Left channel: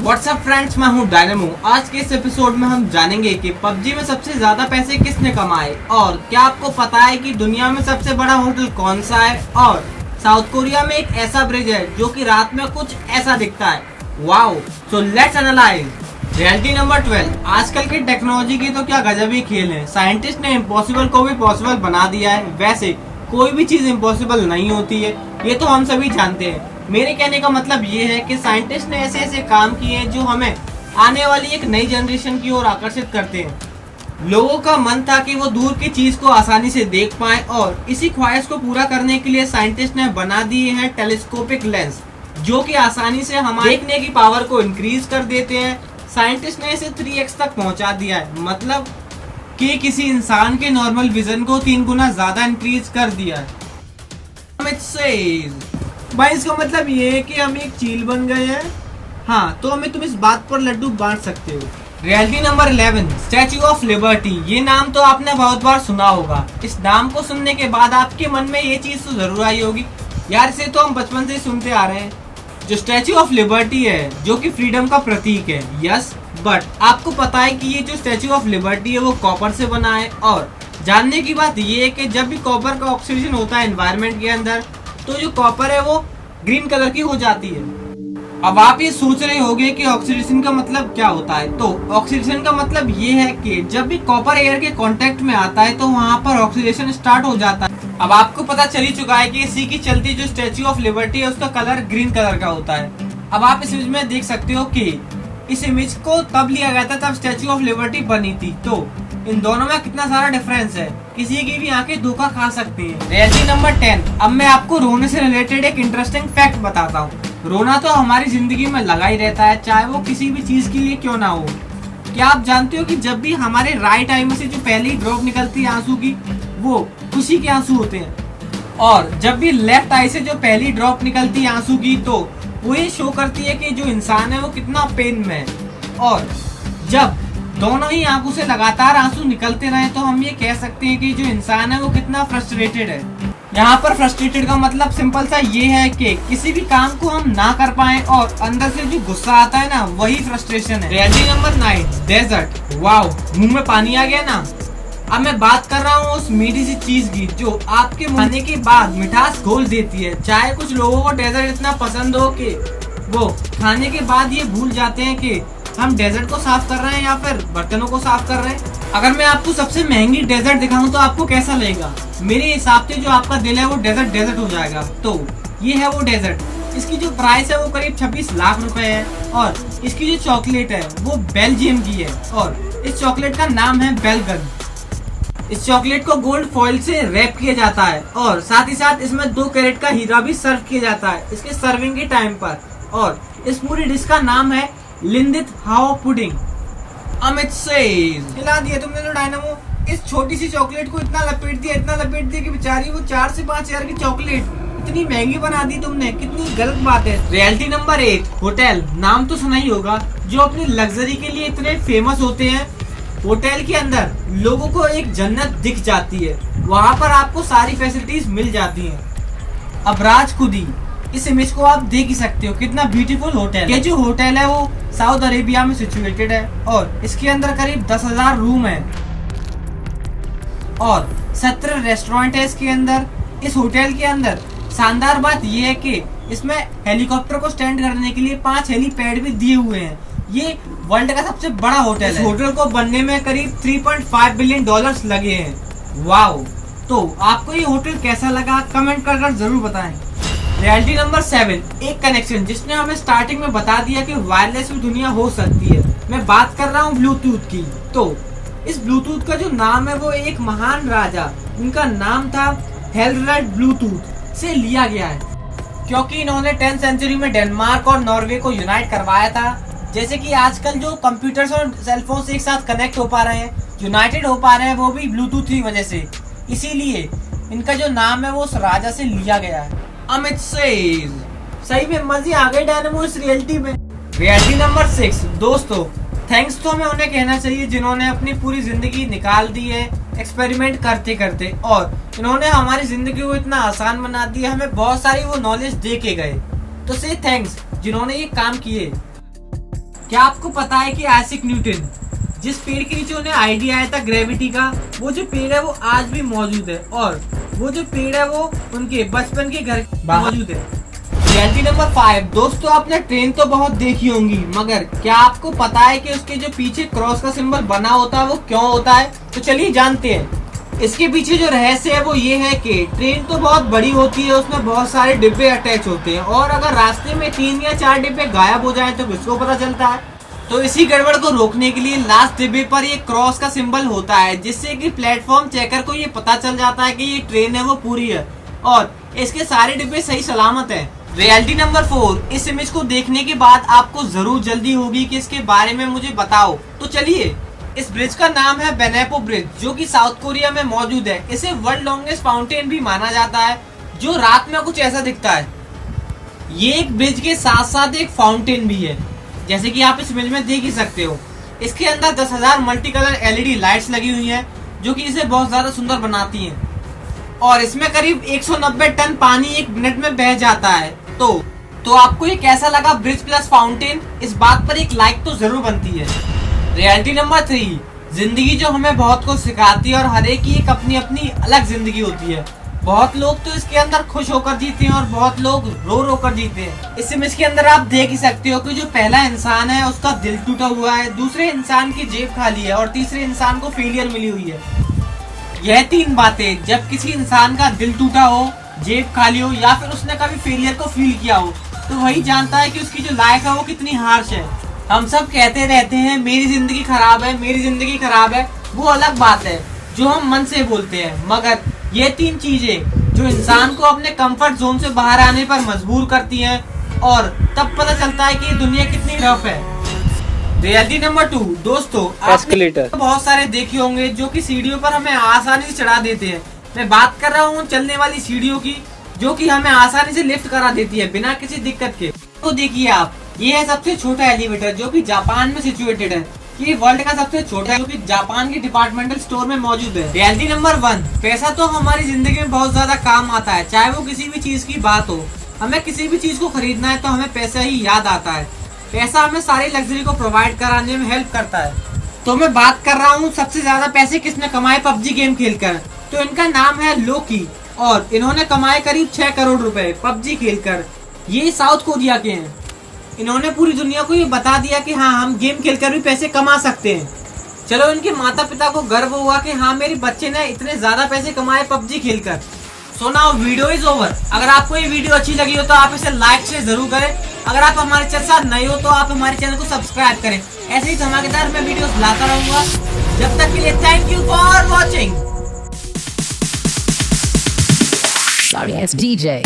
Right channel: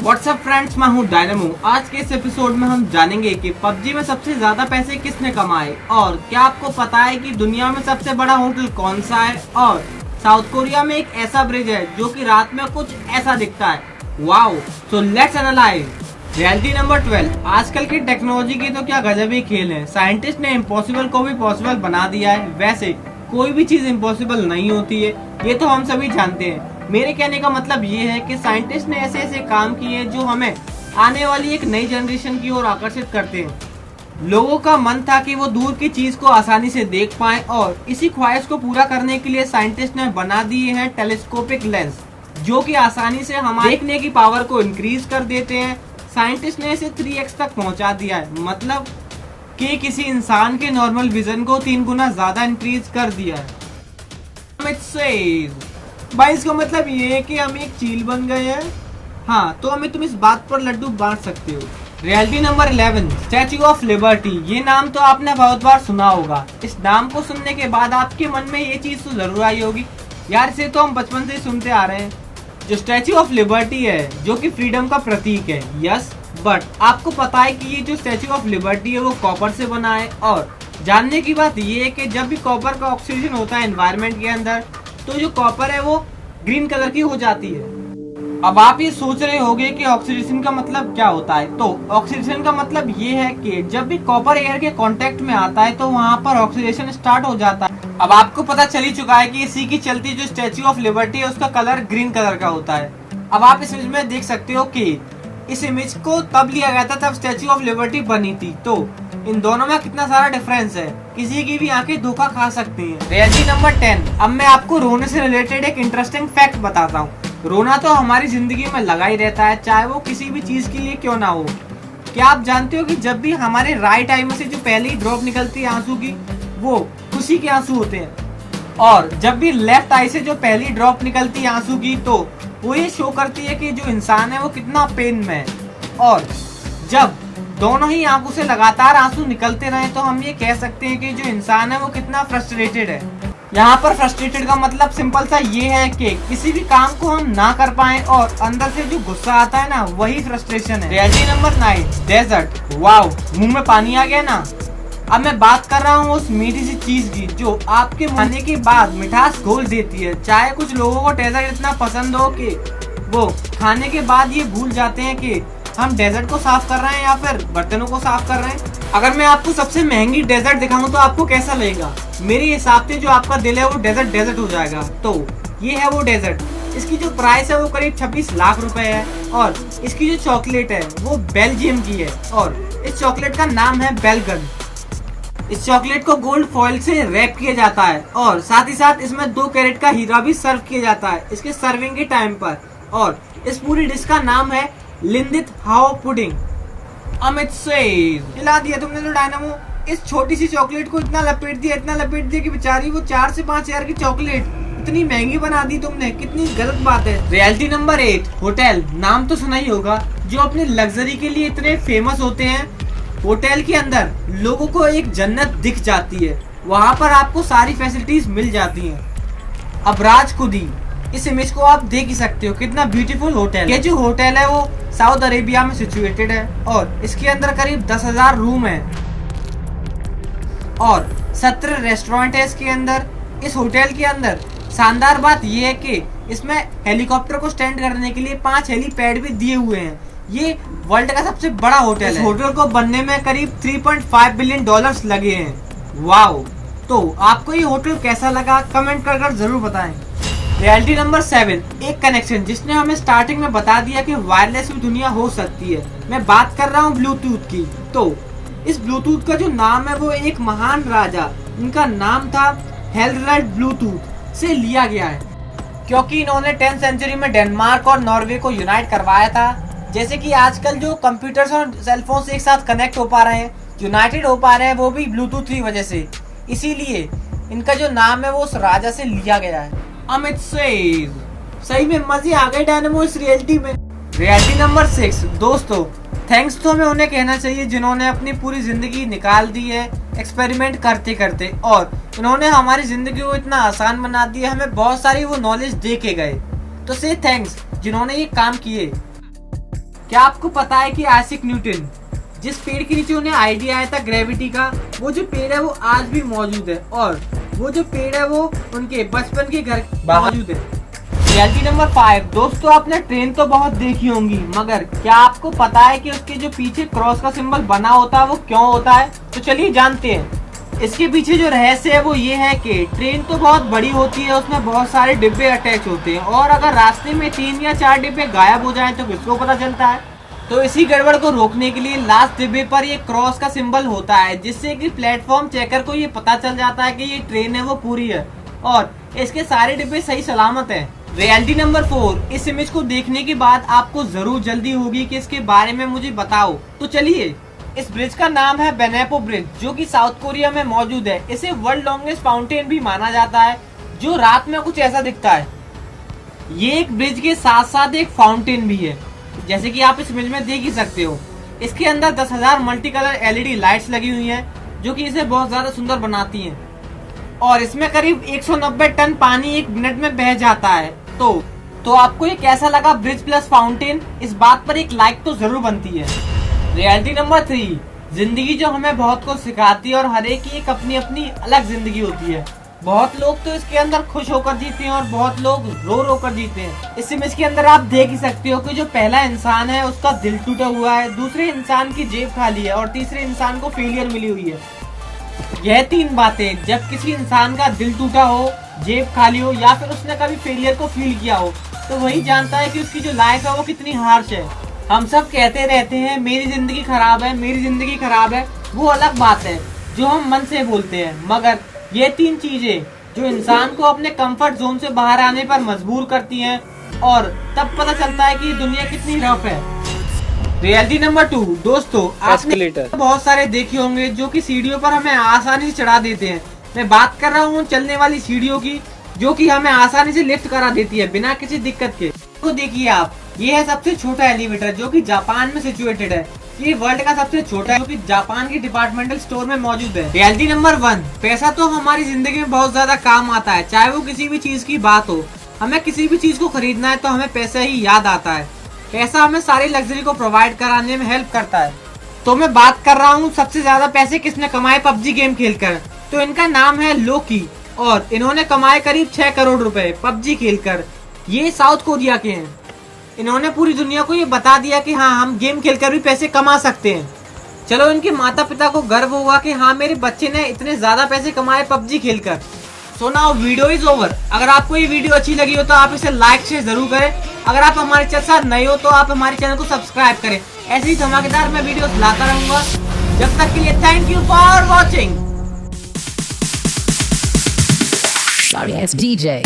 WhatsApp friends, मैं हूँ dynamo. आज के इस एपिसोड में हम जानेंगे कि पबजी में सबसे ज्यादा पैसे किसने कमाए और क्या आपको पता है कि दुनिया में सबसे बड़ा होटल कौन सा है और साउथ कोरिया में एक ऐसा ब्रिज है जो कि रात में कुछ ऐसा दिखता है। Wow, so let's analyse. Reality number 12। आजकल की टेक्नोलॉजी की तो क्या गजब ही खेल है। साइंटिस्ट ने इम्पॉसिबल को भी पॉसिबल बना दिया है। वैसे कोई भी चीज इम्पॉसिबल नहीं होती है, ये तो हम सभी जानते हैं। मेरे कहने का मतलब ये है कि साइंटिस्ट ने ऐसे ऐसे काम किए हैं जो हमें आने वाली एक नई जनरेशन की ओर आकर्षित करते हैं। लोगों का मन था कि वो दूर की चीज को आसानी से देख पाएं और इसी ख्वाहिश को पूरा करने के लिए साइंटिस्ट ने बना दिए हैं टेलीस्कोपिक लेंस, जो कि आसानी से हमारे देखने की पावर को इंक्रीज कर देते हैं। साइंटिस्ट ने इसे 3x तक पहुंचा दिया है, मतलब कि किसी इंसान के नॉर्मल विजन को 3 गुना ज्यादा इंक्रीज कर दिया है। भाई इसका मतलब ये है कि हम एक चील बन गए हैं। हाँ, तो हमें तुम इस बात पर लड्डू बांट सकते हो। Reality number 11। Statue of liberty. ये नाम तो आपने बहुत बार सुना होगा। इस नाम को सुनने के बाद आपके मन में ये चीज तो जरूर आई होगी, यार इसे तो हम बचपन से सुनते आ रहे हैं। जो स्टैच्यू ऑफ लिबर्टी है, जो कि फ्रीडम का प्रतीक है। यस, बट आपको पता है कि ये जो स्टैच्यू ऑफ लिबर्टी है वो कॉपर से बना है। और जानने की बात ये है कि जब भी कॉपर का ऑक्सीजन होता है एनवायरनमेंट के अंदर, तो जो कॉपर है वो ग्रीन कलर की हो जाती है। अब आप ये सोच रहे होंगे कि ऑक्सीडेशन का मतलब क्या होता है। तो ऑक्सीडेशन का मतलब ये है कि जब भी कॉपर एयर के कांटेक्ट में आता है तो वहाँ पर ऑक्सीडेशन स्टार्ट हो जाता है। अब आपको पता चल ही चुका है कि इसी की चलती जो स्टैच्यू ऑफ लिबर्टी है उसका कलर ग्रीन कलर का होता है। अब आप इस इमेज में देख सकते हो कि इस इमेज को तब लिया गया था तब स्टैच्यू ऑफ लिबर्टी बनी थी। तो इन दोनों में कितना सारा डिफरेंस है, किसी की भी आंखें धोखा खा सकती हैं। Reality number 10। अब मैं आपको रोने से रिलेटेड एक इंटरेस्टिंग फैक्ट बताता हूँ। रोना तो हमारी जिंदगी में लगा ही रहता है, चाहे वो किसी भी चीज के लिए क्यों ना हो। क्या आप जानते हो कि जब भी हमारे राइट आई में से जो पहली ड्रॉप निकलती है आंसू की, वो खुशी के आंसू होते हैं, और जब भी लेफ्ट आई से जो पहली ड्रॉप निकलती है आंसू की, तो वो ये शो करती है कि जो इंसान है वो कितना पेन में है। और जब दोनों ही आंखों से लगातार आंसू निकलते रहे तो हम ये कह सकते हैं कि जो इंसान है वो कितना फ्रस्ट्रेटेड है। यहाँ पर फ्रस्ट्रेटेड का मतलब सिंपल सा ये है कि किसी भी काम को हम ना कर पाए और अंदर से जो गुस्सा आता है ना, वही फ्रस्ट्रेशन है। Reality number 9। डेजर्ट। वाओ, मुंह में पानी आ गया ना। अब मैं बात कर रहा हूँ उस मीठी सी चीज की जो आपके खाने के बाद मिठास घोल देती है। चाहे कुछ लोगों को डेजर्ट इतना पसंद हो कि वो खाने के बाद ये भूल जाते हैं कि हम डेजर्ट को साफ कर रहे हैं या फिर बर्तनों को साफ कर रहे हैं। अगर मैं आपको सबसे महंगी डेजर्ट दिखाऊं तो आपको कैसा लगेगा? मेरे हिसाब से जो आपका दिल है वो डेजर्ट हो जाएगा। तो ये है वो डेजर्ट। इसकी जो प्राइस है वो करीब 26 लाख रुपए है और इसकी जो चॉकलेट है वो बेल्जियम की है और इस चॉकलेट का नाम है बेलगन। इस चॉकलेट को गोल्ड फॉइल से रैप किया जाता है और साथ ही साथ इसमें 2 कैरेट का हीरा भी सर्व किया जाता है इसके सर्विंग के टाइम पर। और इस पूरी डिश का नाम है लिंदित हाओ पुडिंग। अमित सेज। हिला दिया तुमने तो डायनामो। इस छोटी सी चॉकलेट को इतना लपेट दिया कि बेचारी वो 4 से 5 हजार की चॉकलेट इतनी महंगी बना दी तुमने। कितनी गलत बात है। Reality number 8। होटल। नाम तो सुना ही होगा, जो अपनी लग्जरी के लिए इतने फेमस होते हैं। होटल के अंदर लोगों को एक जन्नत दिख जाती है, वहाँ पर आपको सारी फैसिलिटीज मिल जाती हैं। अब राज खुदी। इस इमेज को आप देख ही सकते हो, कितना ब्यूटीफुल होटल है। ये जो होटल है वो साउथ अरेबिया में सिचुएटेड है और इसके अंदर करीब 10,000 रूम है और 17 रेस्टोरेंट है इसके अंदर। इस होटल के अंदर शानदार बात यह है कि इसमें हेलीकॉप्टर को स्टैंड करने के लिए 5 हेलीपैड भी दिए हुए हैं। ये वर्ल्ड का सबसे बड़ा होटल है। इस होटल को बनने में करीब $3.5 बिलियन लगे हैं। वाओ, तो आपको ये होटल कैसा लगा कमेंट कर जरूर बताएं। Reality number 7। एक कनेक्शन जिसने हमें स्टार्टिंग में बता दिया कि वायरलेस भी दुनिया हो सकती है। मैं बात कर रहा हूँ ब्लूटूथ की। तो इस ब्लूटूथ का जो नाम है वो एक महान राजा, इनका नाम था हेलरेड ब्लूटूथ, से लिया गया है, क्योंकि इन्होंने 10th सेंचुरी में डेनमार्क और नॉर्वे को यूनाइट करवाया था। जैसे कि आजकल जो कंप्यूटर्स और सेलफोन से एक साथ कनेक्ट हो पा रहे हैं, यूनाइटेड हो पा रहे हैं, वो भी ब्लूटूथ की वजह से। इसीलिए इनका जो नाम है वो उस राजा से लिया गया है। अमित सेज। सही में मजे आ गए डायनामो इस रियलिटी में। Reality number 6। दोस्तों, थैंक्स तो हमें उन्हें कहना चाहिए जिन्होंने अपनी पूरी जिंदगी निकाल दी है एक्सपेरिमेंट करते करते, और इन्होंने हमारी जिंदगी को इतना आसान बना दिया, हमें बहुत सारी वो नॉलेज दे के गए। तो से थैंक्स जिन्होंने ये काम किए। क्या आपको पता है कि आइजैक न्यूटन, जिस पेड़ के नीचे उन्हें आइडिया आया था ग्रेविटी का, वो जो पेड़ है वो आज भी मौजूद है और वो जो पेड़ है वो उनके बचपन के घर मौजूद है। रियलिटी नंबर 5, दोस्तों आपने ट्रेन तो बहुत देखी होंगी, मगर क्या आपको पता है कि उसके जो पीछे क्रॉस का सिंबल बना होता है वो क्यों होता है? तो चलिए जानते हैं। इसके पीछे जो रहस्य है वो ये है कि ट्रेन तो बहुत बड़ी होती है, उसमें बहुत सारे डिब्बे अटैच होते हैं और अगर रास्ते में 3 या 4 डिब्बे गायब हो जाए तो किसको पता चलता है? तो इसी गड़बड़ को रोकने के लिए लास्ट डिब्बे पर ये क्रॉस का सिंबल होता है, जिससे कि प्लेटफॉर्म चेकर को ये पता चल जाता है कि ये ट्रेन है वो पूरी है और इसके सारे डिब्बे सही सलामत हैं। रियलिटी नंबर 4, इस इमेज को देखने के बाद आपको जरूर जल्दी होगी कि इसके बारे में मुझे बताओ। तो चलिए, इस ब्रिज का नाम है बेनेपो ब्रिज, जो कि साउथ कोरिया में मौजूद है। इसे वर्ल्ड लॉन्गेस्ट फाउंटेन भी माना जाता है, जो रात में कुछ ऐसा दिखता है। ये एक ब्रिज के साथ साथ एक फाउंटेन भी है, जैसे कि आप इस इमेज में देख ही सकते हो। इसके अंदर 10,000 मल्टी कलर एलईडी लाइट्स लगी हुई हैं, जो कि इसे बहुत ज्यादा सुंदर बनाती हैं और इसमें करीब 190 टन पानी 1 मिनट में बह जाता है। तो आपको ये कैसा लगा ब्रिज प्लस फाउंटेन? इस बात पर एक लाइक तो जरूर बनती है। रियलिटी नंबर 3, जिंदगी जो हमें बहुत कुछ सिखाती है और हर एक की एक अपनी अपनी अलग जिंदगी होती है। बहुत लोग तो इसके अंदर खुश होकर जीते हैं और बहुत लोग रो रो कर जीते हैं। इस इमेज के अंदर आप देख ही सकते हो कि जो पहला इंसान है उसका दिल टूटा हुआ है, दूसरे इंसान की जेब खाली है और तीसरे इंसान को फेलियर मिली हुई है। यह 3 बातें, जब किसी इंसान का दिल टूटा हो, जेब खाली हो या फिर उसने कभी फेलियर को फील किया हो, तो वही जानता है कि उसकी जो लाइफ है वो कितनी हार्श है। हम सब कहते रहते हैं मेरी जिंदगी खराब है, मेरी जिंदगी खराब है, वो अलग बात है जो हम मन से बोलते हैं, मगर ये 3 चीजें जो इंसान को अपने कंफर्ट जोन से बाहर आने पर मजबूर करती हैं और तब पता चलता है कि दुनिया कितनी रफ है। रियलिटी नंबर 2, दोस्तों एस्केलेटर बहुत सारे देखे होंगे जो कि सीढ़ियों पर हमें आसानी से चढ़ा देते हैं। मैं बात कर रहा हूँ चलने वाली सीढ़ियों की, जो कि हमें आसानी से लिफ्ट करा देती है बिना किसी दिक्कत के। तो देखिए आप, ये है सबसे छोटा एलिवेटर जो कि जापान में सिचुएटेड है। ये वर्ल्ड का सबसे छोटा है, जो कि जापान के डिपार्टमेंटल स्टोर में मौजूद है। रियलिटी नंबर 1, पैसा तो हमारी जिंदगी में बहुत ज्यादा काम आता है, चाहे वो किसी भी चीज की बात हो। हमें किसी भी चीज को खरीदना है तो हमें पैसा ही याद आता है। पैसा हमें सारी लग्जरी को प्रोवाइड कराने में हेल्प करता है। तो मैं बात कर रहा हूँ सबसे ज्यादा पैसे किसने कमाए पबजी गेम खेलकर, तो इनका नाम है लोकी और इन्होंने कमाए करीब 6 करोड़ रुपए पबजी खेलकर। ये साउथ कोरिया के हैं। इन्होंने पूरी दुनिया को ये बता दिया कि हाँ, हम गेम खेलकर भी पैसे कमा सकते हैं। चलो, इनके माता पिता को गर्व हुआ कि हाँ, मेरे बच्चे ने इतने ज्यादा पैसे कमाए पबजी खेलकर। So now video is over. अगर आपको ये वीडियो अच्छी लगी हो तो आप इसे लाइक से जरूर करें। अगर आप हमारे चैनल साथ नए हो तो आप हमारे चैनल को सब्सक्राइब करें। ऐसे ही धमाकेदार मैं वीडियोस लाता रहूंगा। जब तक के लिए thank you for watching. Sorry ass DJ.